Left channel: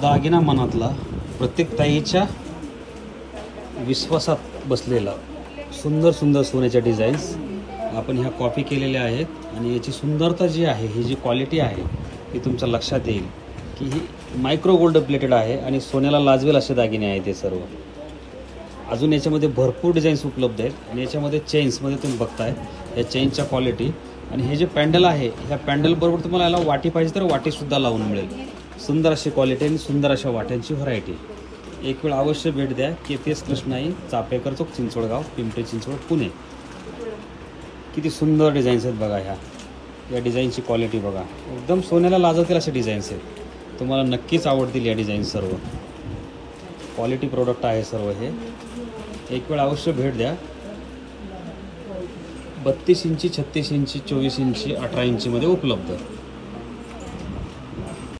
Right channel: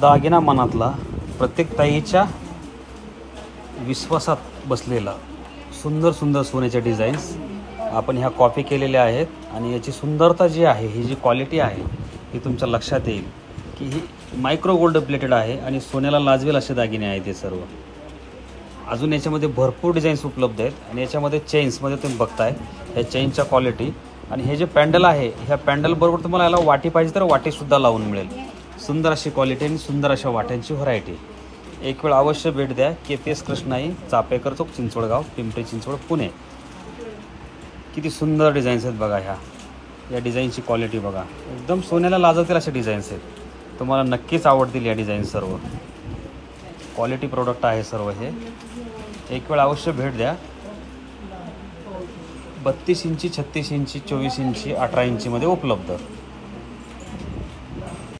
दागिना मनातला, प्रत्येक ताईच्या विश्वासात बसलेला सुंदर सुंदर सोन्याच्या डिझाईन्स आपण ह्या कॉपी केलेल्या आहेत. आणि याची सुंदरता जी आहे, ही जी क्वालिटी आहे ही तुमच्या लक्षात येईल की ही मायक्रो गोल्ड प्लेटेड आहे आणि सोन्याला लाजवेल असे दागिने आहेत हे सर्व. अजून याच्यामध्ये भरपूर डिझाईन्स उपलब्ध आहेत. आणि याच्यामध्ये चेन्समध्ये तुम्ही बघताय ह्या चेनच्या क्वालिटी. आणि हे जे पॅन्डल आहे, ह्या पॅन्डलबरोबर तुम्हाला याला वाटी पाहिजे तर वाटीसुद्धा लावून मिळेल. सुंदर अशी क्वालिटी आणि सुंदर अशा वाट्यांची व्हरायटी. एक वेळ अवश्य भेट द्या. केतेस कृष्णाई, चापेकर चौक, चिंचवडगाव, पिंपरी चिंचवड, पुणे. किती सुंदर डिझाईन्स आहेत बघा. या डिझाईनची क्वालिटी बघा, एकदम सोन्याला लाजवतील असे डिझाईन्स आहेत. तुम्हाला नक्कीच आवडतील या डिझाईन्स. सर्व क्वालिटी प्रोडक्ट आहे सर्व हे. एक वेळ अवश्य भेट द्या. 32 इंची, 36 इंची, 24 इंची, 18 इंचीमध्ये उपलब्ध.